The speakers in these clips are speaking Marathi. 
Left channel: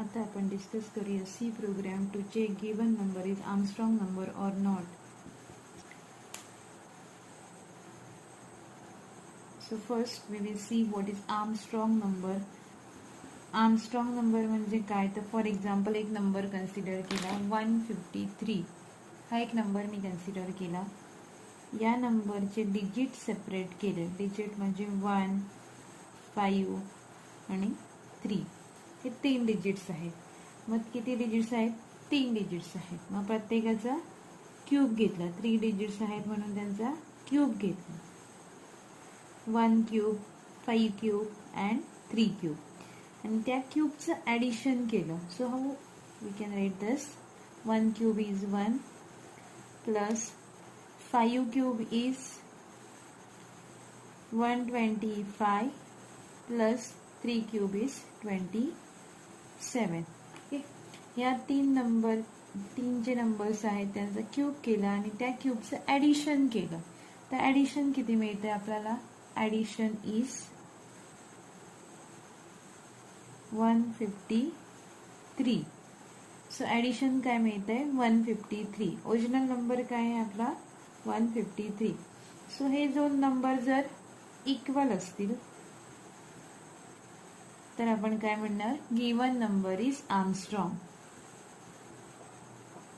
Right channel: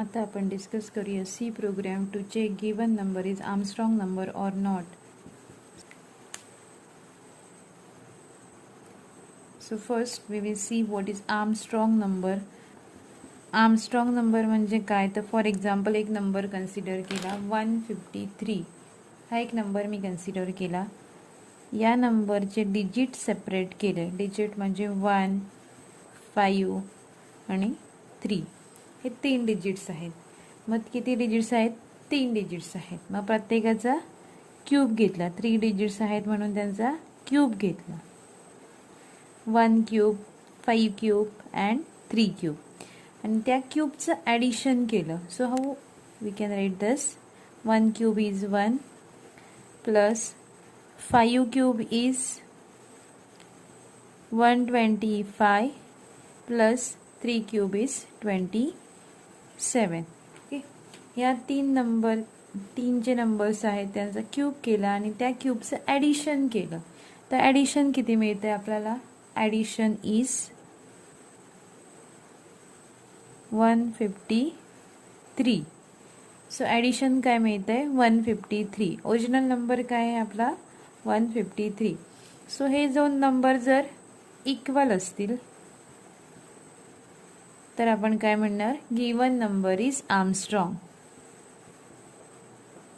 आता आपण डिस्कस करूया C program to check given number is Armstrong number or not. So first we will see what is Armstrong number. Armstrong number म्हणजे काय, तर फॉर एक्झाम्पल एक नंबर कन्सिडर केला 153. हा एक नंबर मी कन्सिडर केला. या नंबरचे डिजिट सेपरेट केले. डिजिट म्हणजे 1, 5 आणि 3. हे 3 डिजिट्स आहेत. मग किती डिजिट्स आहेत? 3 डिजिट्स आहेत. मग प्रत्येकाचा क्यूब घेतला. 3 डिजिट्स आहेत म्हणून त्यांचा क्यूब घेतला. 1 क्यूब, 5 क्यूब अँड 3 क्यूब. आणि त्या क्यूबचं ॲडिशन केलं. So how we can write this? 1 cube is 1 plus 5 cube is 125 plus 3 cube is 27. Okay, या 3 जे नंबर्स आहेत त्यांचा क्यूब केला आणि त्या क्यूबचं ॲडिशन केलं. तर ॲडिशन किती मिळते आपल्याला? Addition is 153. सो ॲडिशन काय मिळतंय? 153. ओरिजिनल नंबर काय आहे आपला? 153. सो हे दोन नंबर जर इक्वल असतील तर आपण काय म्हणणार? Given number is Armstrong.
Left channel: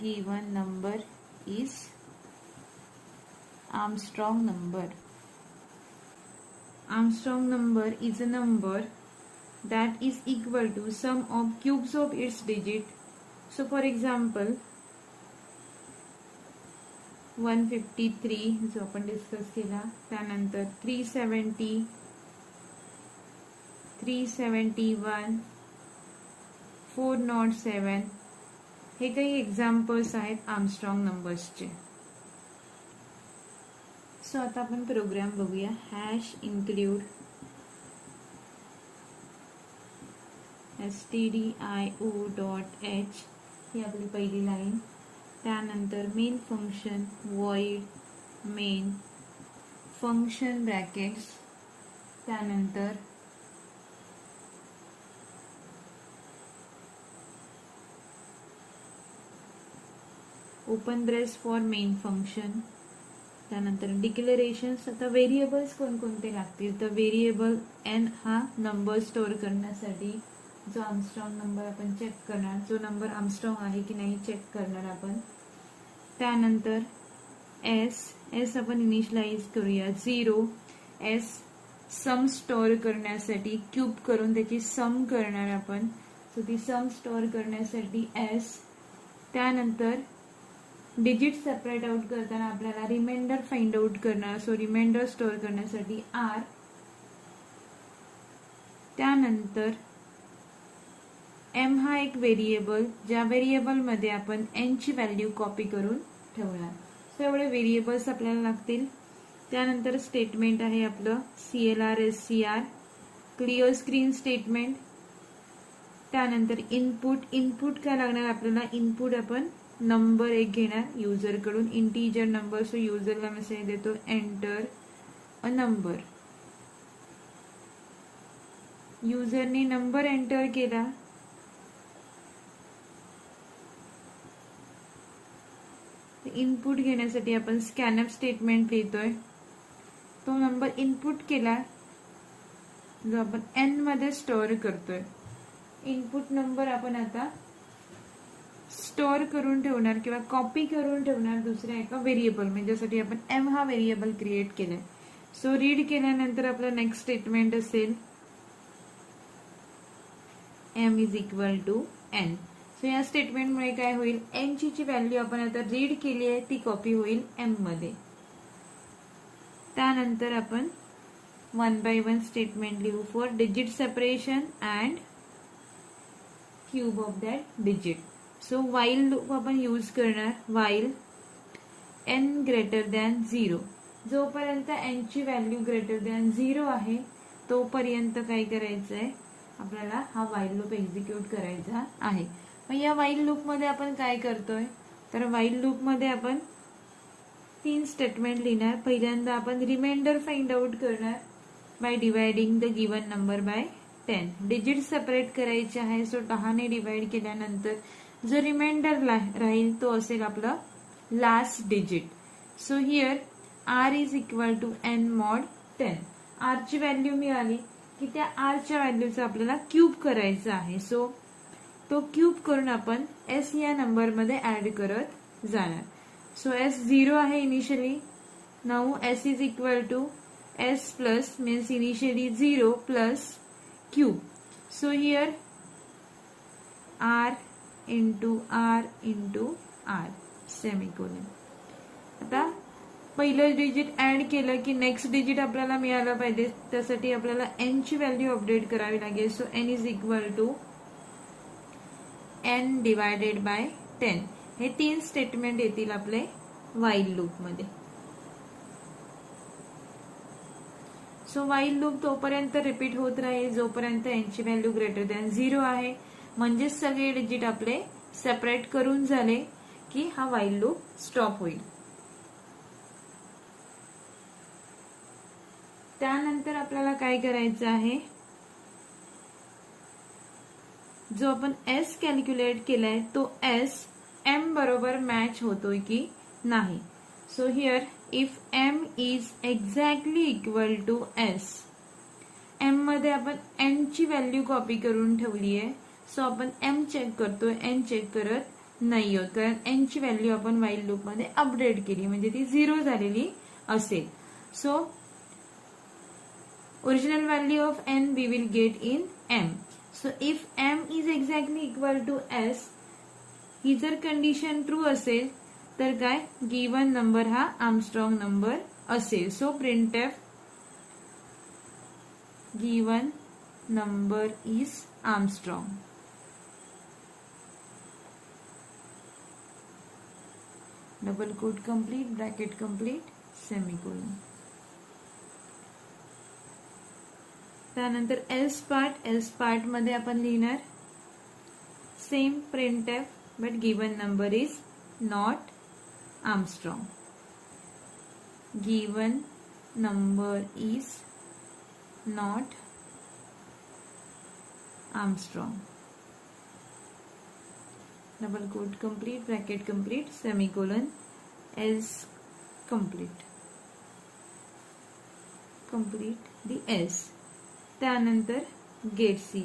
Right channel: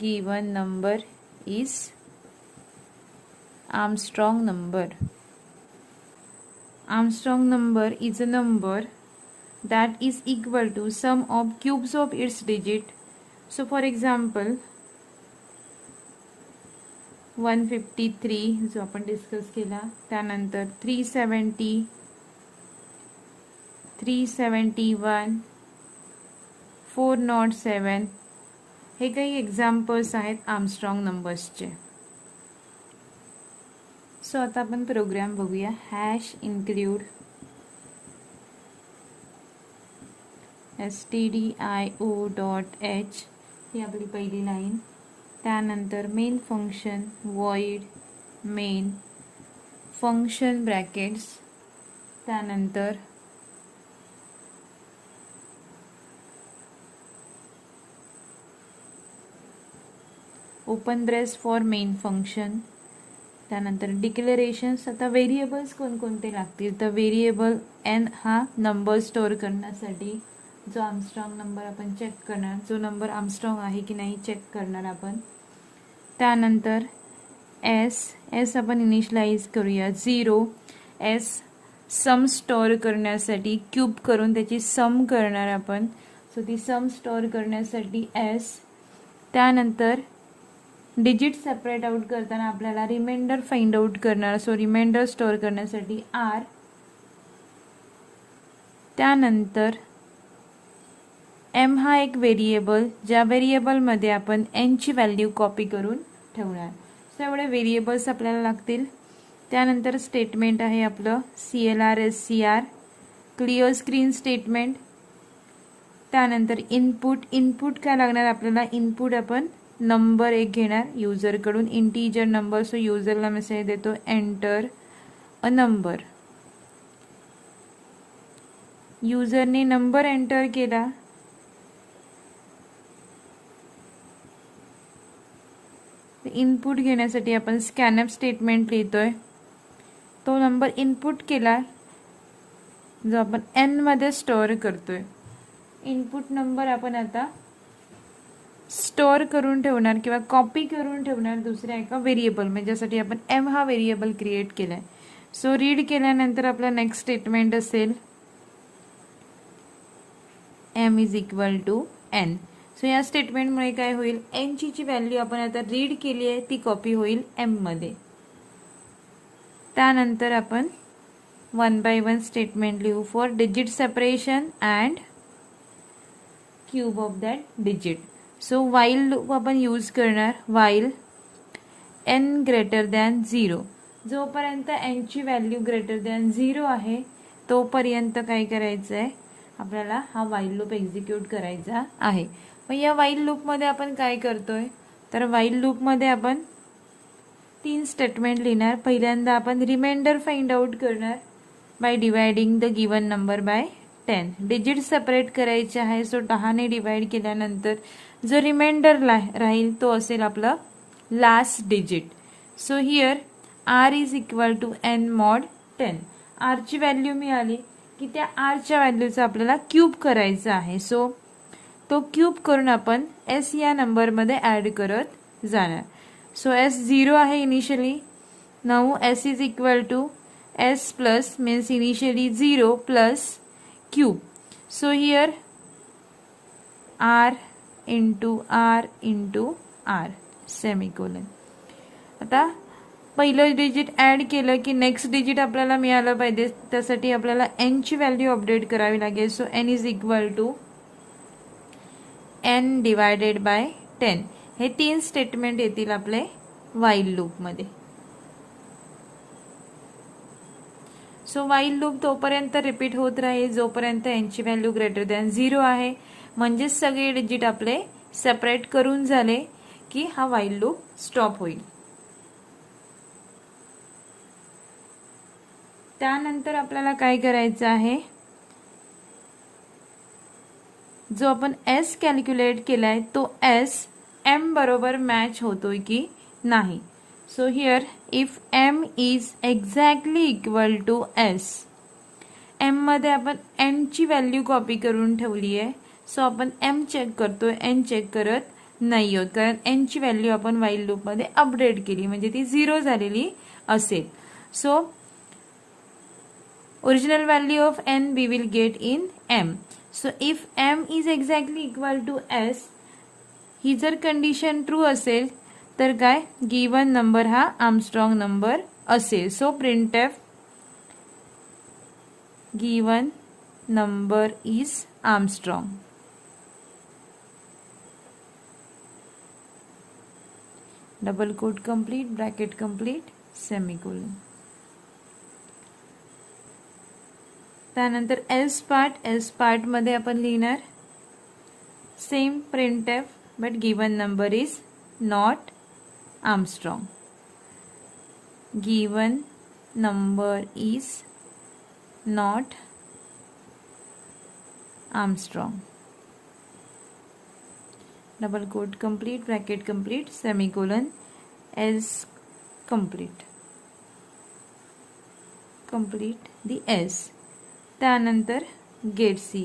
Given number is Armstrong number. Armstrong number is a number that is equal to sum of cubes of its digit. So for example 153 जो आपण डिस्कस केला, त्यानंतर 370, 371, 407 हे काही एक्झाम्पल्स आहेत आर्मस्ट्रॉंग नंबर्सचे. सो आता आपण प्रोग्राम बघूया. हॅश इन्क्ल्यूड stdio.h ही आपली पहिली लाईन. त्यानंतर main function void main function brackets. त्यानंतर open brace for main function. त्यानंतर डिक्लेरेशन्स. आता व्हेरिएबल्स कोणकोणते लागतील? तर व्हेरिएबल n हा नंबर स्टोअर करण्यासाठी जो आर्मस्ट्रॉंग नंबर आपण चेक करणार, जो नंबर आर्मस्ट्रॉंग आहे की नाही चेक करणार आपण. त्यानंतर s आपण इनिशियलाइज करूया 0. s सम स्टोअर करण्यासाठी क्यूब करून त्याची सम करणार आपण. सो ती सम स्टोअर करण्यासाठी s. त्यानंतर डिजिट सेपरेट आउट करताना आपल्याला रिमाइंडर फाइंड आउट करणार. सो रिमाइंडर स्टोअर करण्यासाठी r. त्यानंतर m हा एक व्हेरिएबल, ज्या व्हेरिएबलमध्ये आपण n ची व्हॅल्यू कॉपी करून ठेवणार. सो एवढे व्हेरिएबल्स आपल्याला लागतील. त्यानंतर स्टेटमेंट आहे आपलं CLR SCR clear screen statement. त्यानंतर इनपुट काय लागणार आपल्याला? इनपुट आपण नंबर एक घेणार युजरकडून, इंटीजर नंबर. सो युजरला मेसेज देतो एंटर अ नंबर. युजरने नंबर एंटर केला. इनपुट घेण्यासाठी आपण स्कॅनअप स्टेटमेंट लिहितोय. तो नंबर इनपुट केला जो आपण n मध्ये स्टोअर करतोय. इनपुट नंबर आपण आता स्टोअर करून ठेवणार किंवा कॉपी करून ठेवणार दुसऱ्या एका व्हेरिएबल, म्हणजे ज्यासाठी आपण m हा व्हेरिएबल क्रिएट केलाय. सो रीड केल्यानंतर आपला नेक्स्ट स्टेटमेंट असेल m is equal to n. So या स्टेटमेंटमुळे काय होईल? n ची जी व्हॅल्यू आपण आता रीड केली आहे ती कॉपी होईल m मध्ये. त्यानंतर आपण 1 by 1 स्टेटमेंट लिहू for digit separation and cube of that digit. So while loop आपण यूज करणार. While n greater than 0. जोपर्यंत n ची व्हॅल्यू ग्रेटर दॅन 0 आहे तोपर्यंत काय करायचं आहे आपल्याला? हा वाईल लूप एक्झिक्यूट करायचा आहे. मग या वाईल लूपमध्ये आपण काय करतोय? तर वाईल लूपमध्ये आपण 3 स्टेटमेंट लिहिणार. पहिल्यांदा आपण रिमाइंडर फाइंड आउट करणार by dividing the given number by 10. Digit separate करायचे आहे, सो 10 ने डिवाइड केल्यानंतर जो रिमाइंडर राहील तो असेल आपला last digit. So here r is equal to n mod 10. आरची व्हॅल्यू मिळाली की त्या आरच्या व्हॅल्यूचा आपल्याला क्यूब करायचा आहे. सो तो क्यूब करून आपण एस या नंबरमध्ये ऍड करत जाणार. सो एस 0 आहे initially. Now S is equal to S plus means initially 0 plus cube. So here R into R into R semicolon. आता पहिलं डिजिट ऍड केलं की नेक्स्ट डिजिट आपल्याला मिळालं पाहिजे, त्यासाठी आपल्याला एन ची व्हॅल्यू अपडेट करावी लागेल. So N is equal to N divided by 10. हे 3 स्टेटमेंट येतील आपले व्हाईल लूप मध्ये. सो व्हाईल लूप तोपर्यंत रिपीट होत राहील जोपर्यंत एन ची व्हॅल्यू ग्रेटर दॅन 0 आहे. म्हणजेच सगळे डिजिट आपले सेपरेट करून झाले की हा व्हाईल लूप स्टॉप होईल. त्यानंतर आपल्याला काय करायचं आहे, जो आपण एस कॅल्क्युलेट केलाय तो एस एम बरोबर मॅच होतोय की नाही. So here if M is exactly equal to S, M मध्ये आपण एन ची व्हॅल्यू कॉपी करून ठेवली आहे. सो आपण एम चेक करतोय, एन चेक करत नाही आहोत, कारण एन ची व्हॅल्यू आपण व्हाईल लूप मध्ये अपडेट केली म्हणजे ती 0 झालेली असेल. So original value of n we will get in m. So if m is exactly equal to s, ही जर कंडिशन ट्रू असेल तर काय गिवन नंबर हा आर्मस्ट्रॉंग नंबर असेल. So printf given number is Armstrong. Double quote complete, bracket complete, semicolon. त्यानंतर एल्स पार्ट मध्ये आपण लिहिणार same printf but given number is not Armstrong. Given number is not Armstrong. Double quote complete, bracket complete, semicolon, else complete the else. त्यानंतर गेट ch,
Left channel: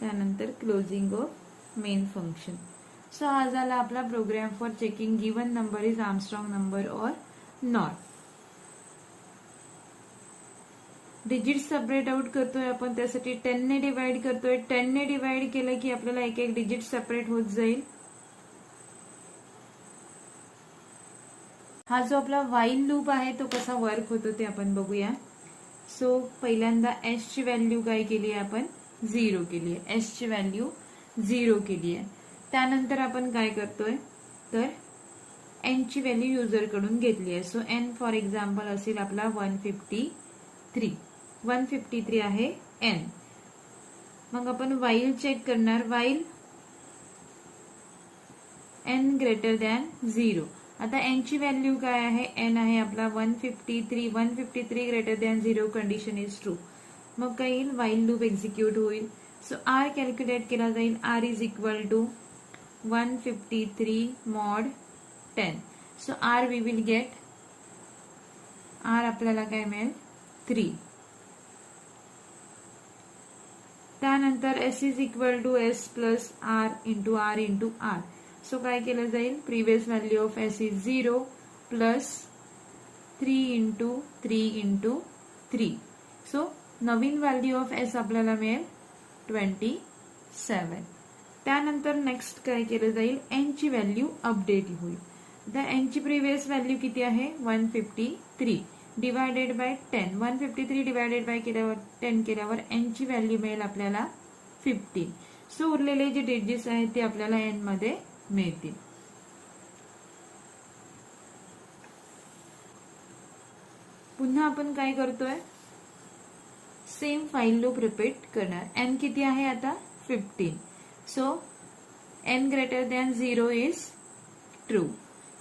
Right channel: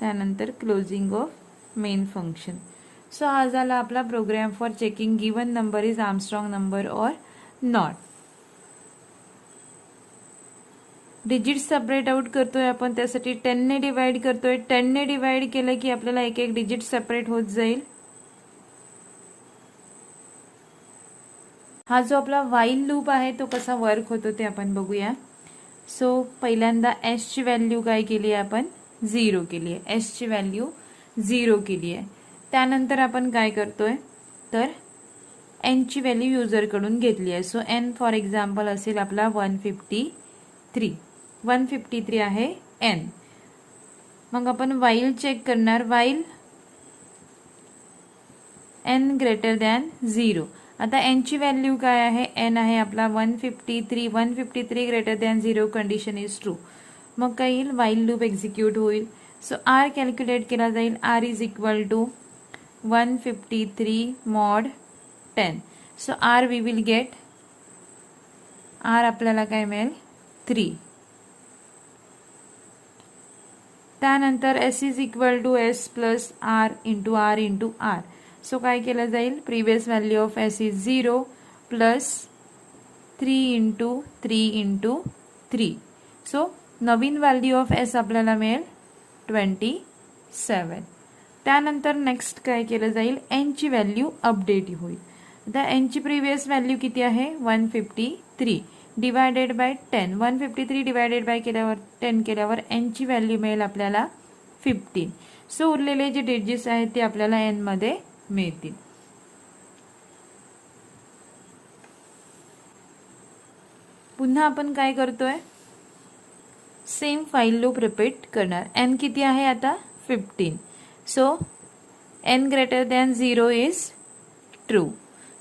त्यानंतर closing of main function. So हा झाला आपला programme for checking given number is Armstrong number or not. Digit separate out करतोय आपण, त्यासाठी 10 ने डिवाइड करतोय. 10 ने डिवाइड केलं की आपल्याला एक एक डिजिट सेपरेट होत जाईल. हा जो आपला व्हाईल लूप आहे तो कसा वर्क होतो ते आपण बघूया. सो पहिल्यांदा एस ची व्हॅल्यू काय केली आहे आपण 0 केली आहे. एस ची व्हॅल्यू 0 केली आहे. त्यानंतर आपण काय करतोय तर एन ची व्हॅल्यू युजर कडून घेतली आहे. सो एन फॉर एक्झाम्पल असेल आपला 153 आहे एन. मग आपण व्हाईल चेक करणार. While N greater than 0. आता एन ची व्हॅल्यू काय आहे, एन आहे आपला 153 greater than 0 condition is true. मग काय येईल व्हाईल लूप एक्झिक्यूट होईल. सो आर कॅल्क्युलेट केला जाईल. R is equal to 153 mod 10. So R we will get, R आपल्याला काय मिळेल 3. त्यानंतर S is equal to S plus R into R into R. So काय केलं जाईल, previous value of S is 0 plus 3 into 3 into 3. So नवीन व्हॅल्यू ऑफ एस आपल्याला मिळेल 27. त्यानंतर नेक्स्ट काय केलं जाईल, एन ची व्हॅल्यू अपडेट होईल. आता एन ची प्रिव्हियस व्हॅल्यू किती आहे 153 डिवायडेड बाय 10. 153 डिवायडेड बाय केल्यावर 10 केल्यावर एन ची व्हॅल्यू मिळेल आपल्याला 15. सो उरलेले जे डिजिट्स आहेत ते आपल्याला एन मध्ये मिळतील. पुन्हा आपण काय करतोय, सेम व्हाईल लूप रिपीट करणार. एन किती आहे आता 15. So N greater than 0 is true.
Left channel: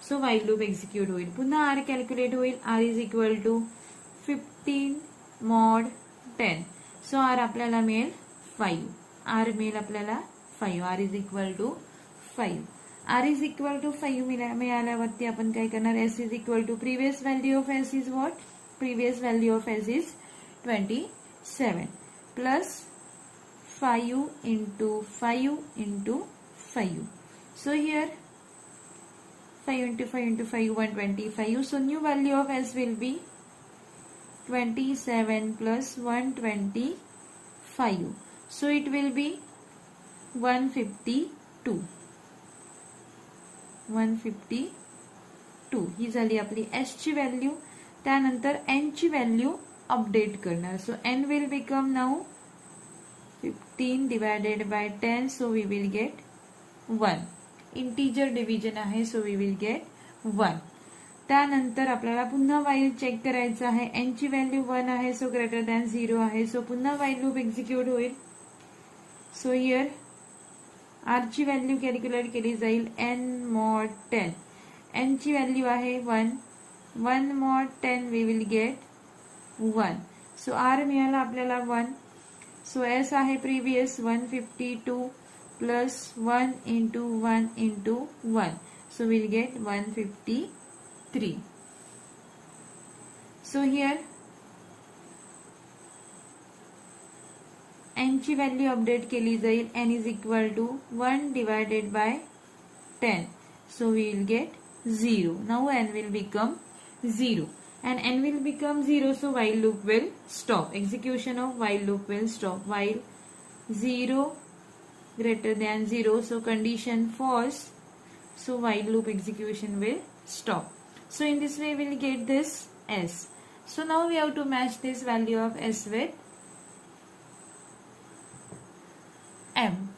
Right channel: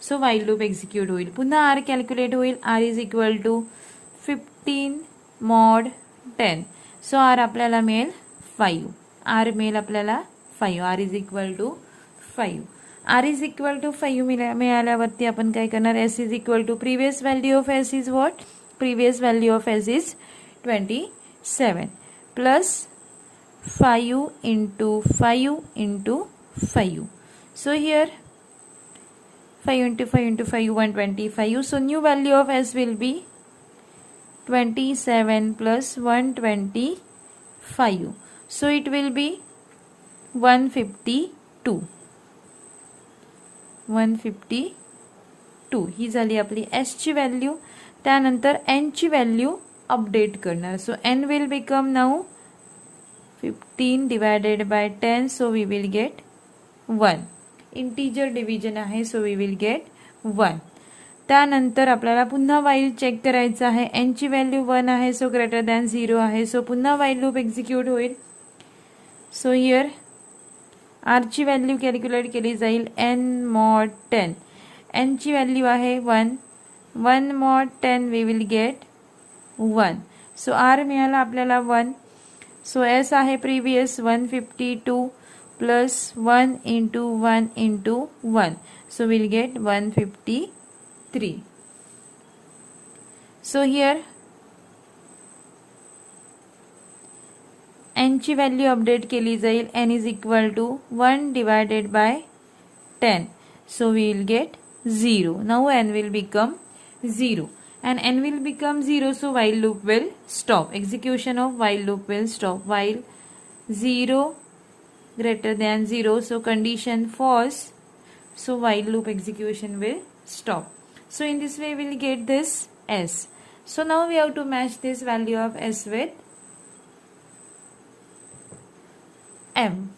So while loop execute होईल. पुन्हा आर कॅल्क्युलेट होईल. R is equal to 15 mod 10. So R आपल्याला मिळेल 5. आर मिळेल आपल्याला 5. R is equal to 5. R is equal to 5 मिळाल्यावरती आपण काय करणार, S is equal to previous value of S is what, previous value of S is 27 plus 5 into 5 into 5. So here 5 into 5 into 5, 125. So new value of S will be 27 plus 125. So it will be 152. 152 ही झाली आपली S ची व्हॅल्यू. त्यानंतर N ची व्हॅल्यू अपडेट करणार. So N will become now 15 divided by 10, so we will get 1. Integer division आहे, सो वी विल गेट 1. त्यानंतर आपल्याला पुन्हा वाईल चेक करायचं आहे. एन ची व्हॅल्यू 1 आहे, सो ग्रेटर दॅन 0 आहे. सो पुन्हा वाईल लूप एक्झिक्यूट होईल. सो हिअर आर ची व्हॅल्यू कॅल्क्युलेट केली जाईल एन मॉड 10. एन ची व्हॅल्यू आहे 1. 1 mod 10 we will get 1. So R मिळाला आपल्याला 1. सो एस आहे previous 152 plus 1 into 1 into 1. So we'll get 153. So here n ची व्हॅल्यू अपडेट केली जाईल. n is equal to 1 divided by 10. So we will get 0. Now n will become 0. And n will become 0, so while loop will stop. Execution of while loop will stop. While 0 greater than 0, so condition false, so while loop execution will stop. So in this way we will get this S. So now we have to match this value of S with M.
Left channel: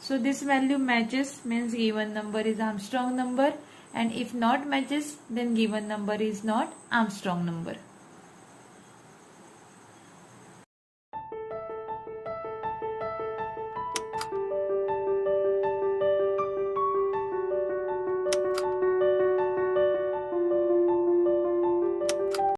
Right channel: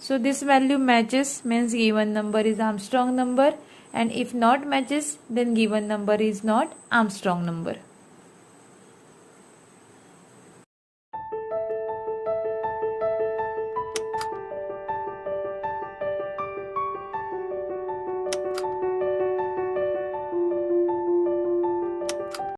So this value matches, means given number is Armstrong number, and if not matches then given number is not Armstrong number.